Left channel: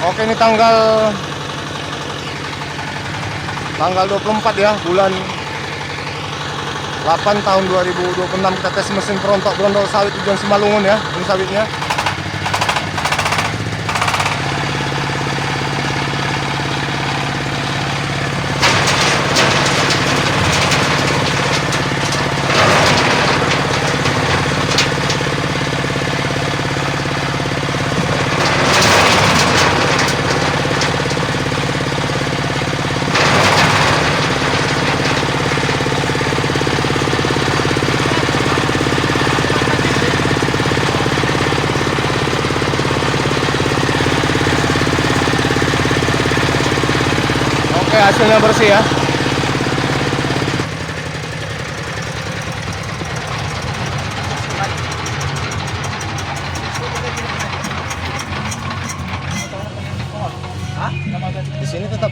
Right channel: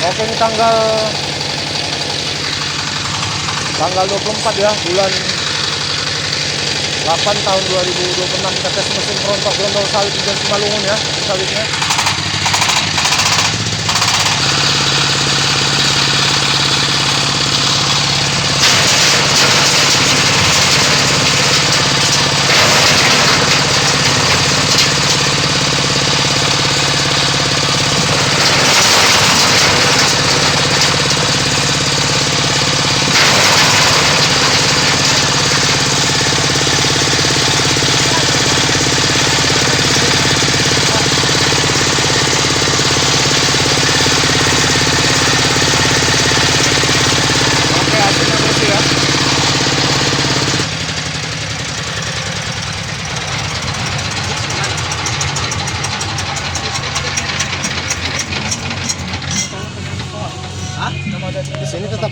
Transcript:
Oke, ini tanggal 24 ya, bulan 8 tahun 2026. Kita tes mesin kerontok Grondol sawit tujuan Simalungun ya, mesin sawitnya. Oke, hasilnya bersih ya. Di sini tetap